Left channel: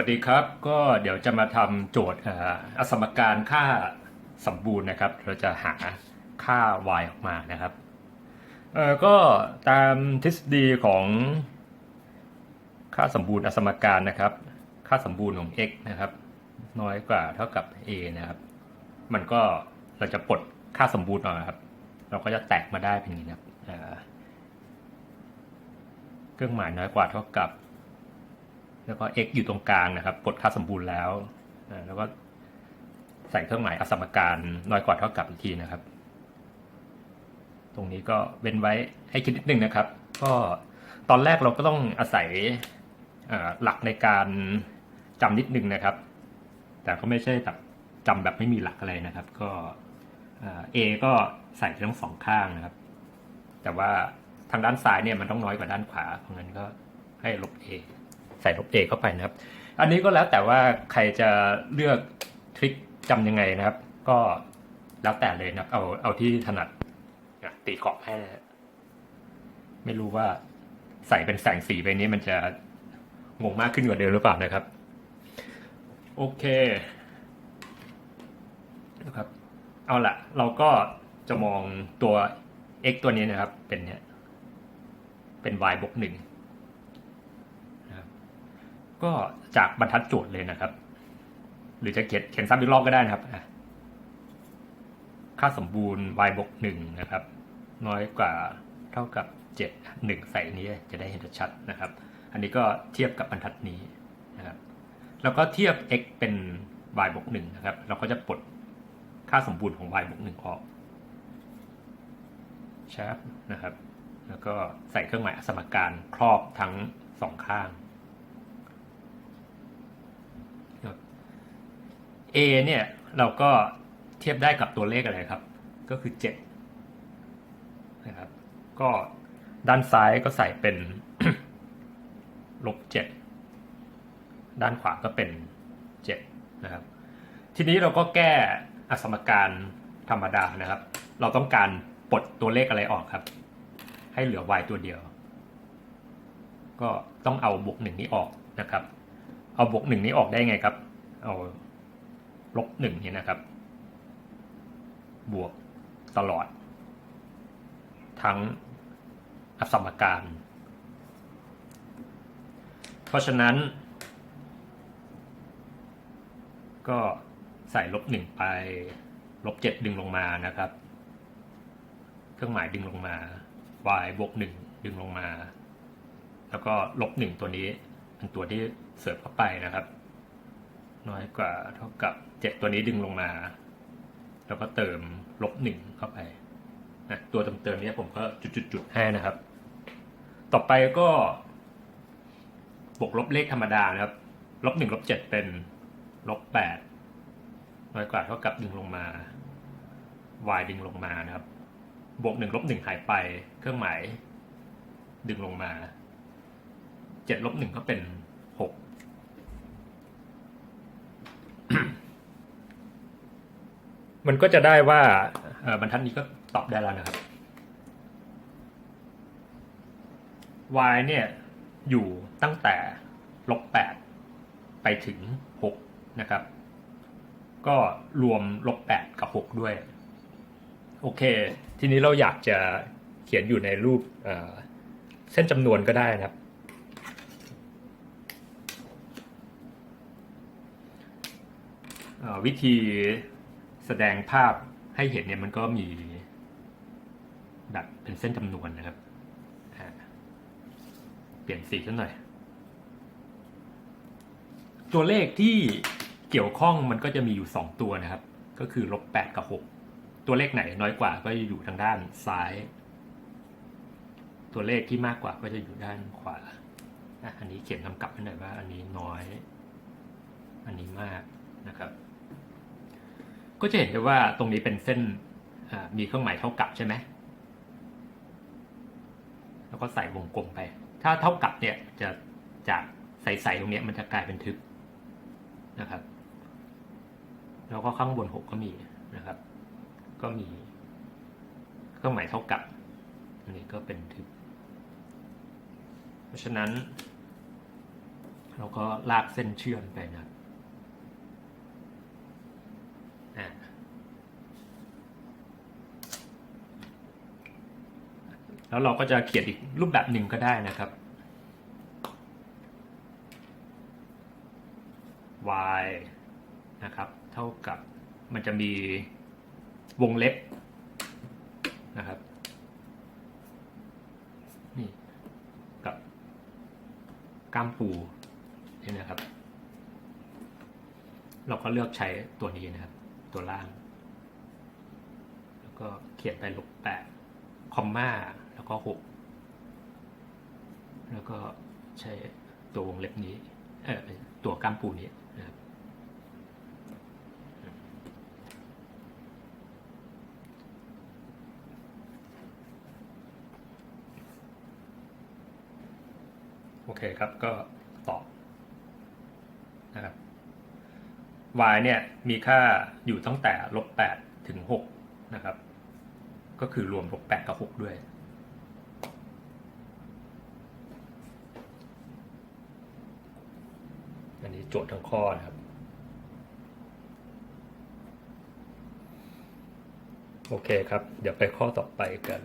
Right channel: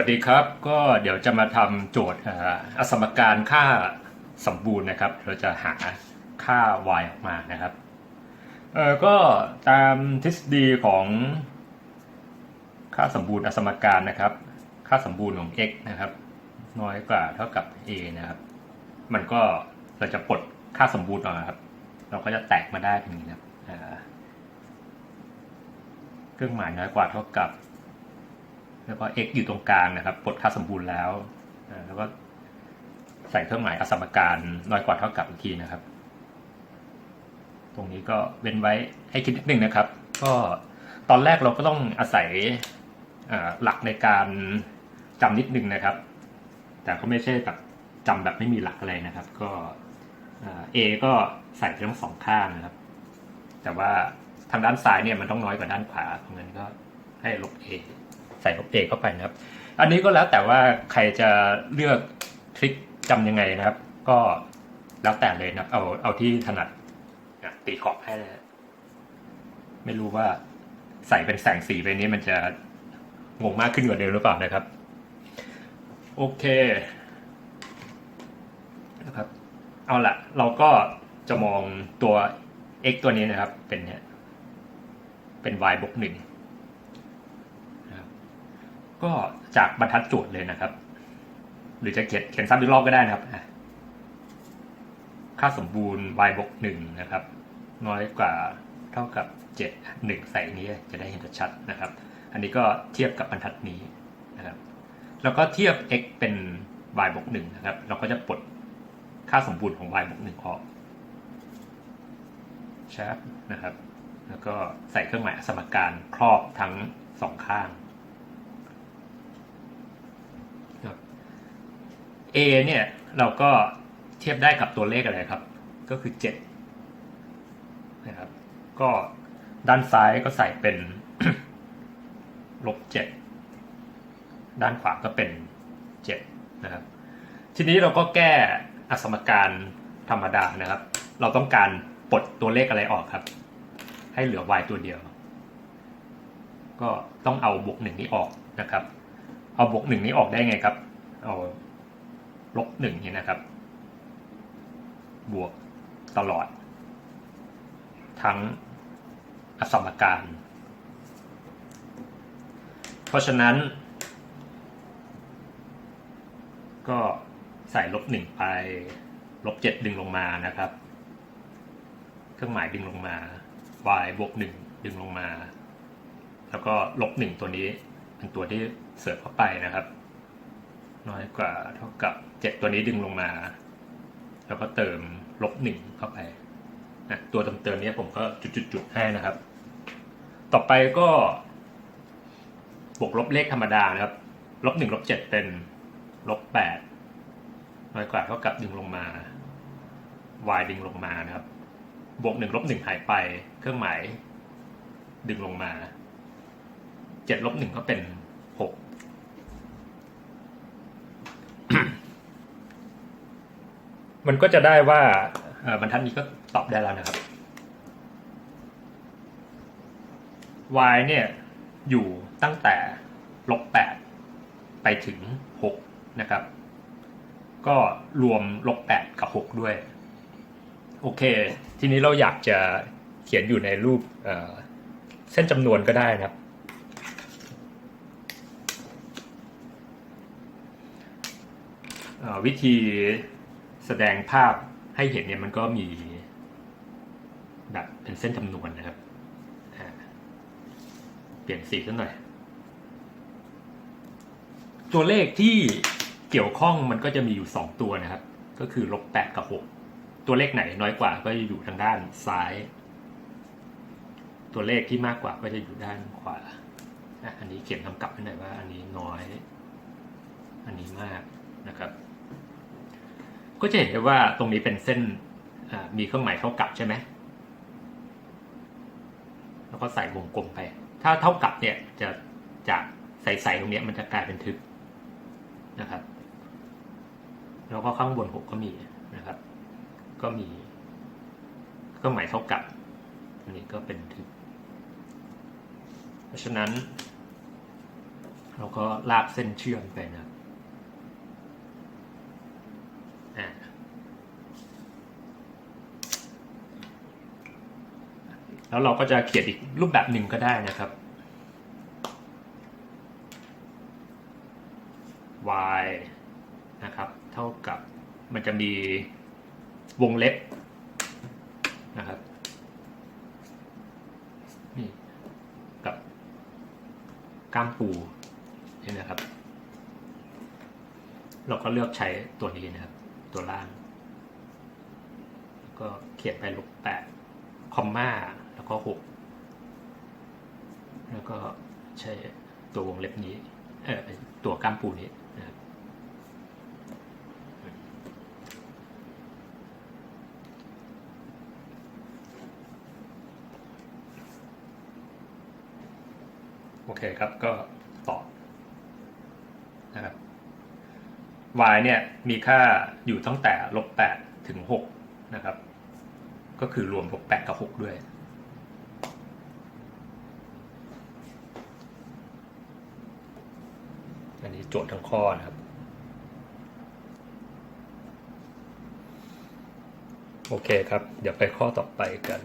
วัสดีครับก็เดี๋ยวจะมาทำโจทย์อสมการค่าสมบูรณ์นะครับ เราจะหาค่า y ออกมานะครับก็ตามทฤษฎีของค่าสมบูรณ์อสมการนะครับ ค่าสมบูรณ์ของ x นะครับ น้อยกว่าเท่ากับ a นะครับ มันก็เราจะปลดค่าสมบูรณ์ออกนะครับ เราก็จะแตกมาได้เป็นอย่างนี้นะครับเครื่องหมายน้อยกว่าเท่ากับ แล้วก็ x อยู่ตรงกลางนะครับปลดค่าสมบูรณ์แล้ว แล้วก็ใส่เครื่องหมายอสมการน้อยกว่าเท่ากับอีกทีนะครับ ตรงนี้ก็เว้นไว้ให้คิดนิดนึงนะครับ ก็ตอนแรกเราก็ต้องอาศัยหลักในการจำนิดนึงนะครับ แต่ก็ไม่ใช่แบบจำแบบไม่มีหลักอะไรนะครับ ก็อ่า a ก็ใส่ทั้งสองข้างนะครับ แต่ว่าทางด้านซ้ายเนี่ยมันต้องน้อยกว่าด้านขวาเพราะงั้นก็ให้ลบ a ส่ลบ a เข้าไปนะครับ อันนี้ก็แล้วแต่ว่าใครจะเลือกทริคจำยังไงนะครับ ก็แล้วแต่เลยนะเอาเอาที่ถนัดตีขอบให้เลยไม่รู้ว่าใส่เป็นแสงสีไปนี้มันจะงงมากขึ้นกว่าเดิมหรือเปล่านะครับ โอเคนะครับ เอาละเราก็จะมองตัว x ตัวนี้นะครับ เป็นเนี่ยเป็น y บวกหนึ่ง ก็จากบรรทัดโจทย์เลยนะครับ หรือจะเขียนเขียนซ้ำอีกรอบก็ได้นะครับ ค่าสมบูรณ์ y บวกหนึ่งนะครับ น้อยกว่าเท่ากับเจ็ดหนึ่งใส่นี้จะได้เห็นชัดๆนะครับ อันนี้ก็เทียบกับบรรทัดนี้นะครับ แล้วก็เทียบ x เป็น y บวกหนึ่งนะครับ เราก็จะปลดค่าสมบูรณ์ของ y บวกหนึ่งออกชาร์ปนะครับ แล้วก็ใส่เครื่องหมายสมการครอบทั้งสองข้าง A เนี่ยเราก็เทียบได้กับตัวเลขอะไรครับ ก็คือ7นะครับก็ด้านซ้ายก็ใส่เป็นลบ7ด้านขวาก็เป็น7นะครับ ทีนี้เราก็แก้อสมการธรรมดานะครับ เราต้องการปลดตัวเลขอะไรออกครับ ให้เหลือ y ตัวเดียว ก็ต้องเอาบวกหนึ่งนี้ออกนะครับ เอาบวกหนึ่งนี้ออกได้ไงครับ เอา ลบหนึ่งเนี่ยนะครับ บวกตลอด ทั้งอสมการ เพราะฉะนั้น ก็ใส่ลบหนึ่งไป ลบเจ็ดดึงลงมานะครับ เครื่องหมายดึงลงมา y บวกหนึ่งดึงลงมา แล้วก็ลบหนึ่งตัวนี้เป็นตัวที่เสิร์ฟเข้าไปนะครับ น้อยกว่าเท่ากับ 7 ตัวนี้ดึงลงมา แล้วก็เติมลบหนึ่งเข้าไปนะตัวเติมเติมนี้ผมก็จุดๆๆให้นะครับ ต่อไปก็บวกลบเลขธรรมดานะครับ ลบหนึ่งลบเจ็ดเป็นลบแปดน้อยกว่าเท่ากับดึงลงมา y ดึงลงมานะครับ บวกหนึ่งลบหนึ่งหายไป เครื่องหมายดึงลงมาเจ็ดลบหนึ่งก็เป็นหก มันก็จะได้ว่าบรรทัดนี้ก็ตอบได้แล้วนะครับ y เนี่ยอยู่ตั้งแต่ลบแปดไปถึงหกนะครับ ก็รวมลบแปดกับหกด้วย โอเค ทีนี้เราอยากจะเขียนอยู่ในรูปเเส้นจำนวนก็ได้นะครับ วิธี แสดงภาพให้เห็นเนี่ยมันก็มีแบบเป็นเส้นจำนวนนะครับอ่าเปลี่ยนสีขึ้นหน่อย ตัวเลขที่เกี่ยวข้องมันก็จะมีอยู่ 2 ตัวนะครับ ก็คือลบ8กับ 6 ตัวเลขไหนน้อยกว่าก็จะอยู่ทางด้านซ้าย ตัวเลขที่มากกว่าก็จะอยู่ด้านขวาอะอันนี้เขียนกำกับให้หน่อยว่าอันนี้น้อย อันนี้มากนะครับ ก็จะเห็นได้ว่าตรงนี้เป็นเส้นมีเครื่องหมายเท่ากับใช่ไหมแล้วก็ใส่วงกลมไป ถ้าเท่ากับเนี่ยจะจากใสๆตรงนี้มันจะกลายเป็นทึบนะครับ แล้วก็ข้างบนหกก็มีนะครับ ก็มีเครื่องหมายเท่ากับอันนี้ก็เป็นทึบ เพราะฉะนั้นแล้วก็ลากเส้นเชื่อมไปนะครับอ่า แล้วเราก็จะเขียนอีกรูปแบบหนึ่งก็ได้นะครับ y นะครับ เท่ากับมันจะมีวงเล็บนะครับนี่กับกล้ามปูนี่นะครับ เราก็เลือกใช้ตัวนี้นะครับ ตัวล่าง แล้วก็เขียนไปลบแปดคอมมา แล้วก็หกแล้วก็ใช้ตัววงเล็บนี้เออตัวกล้ามปูนี้นะครับโอเคครับก็ตอบนะครับ y เนี่ยมีค่าอยู่ตั้งแต่ลบแปดถึงหกนะครับ ก็คือรวมลบแปดกับหกด้วย อันนี้ โจทย์ทั้งข้อนะครับ โอเคครับ เดี๋ยวไปข้อต่อไปกัน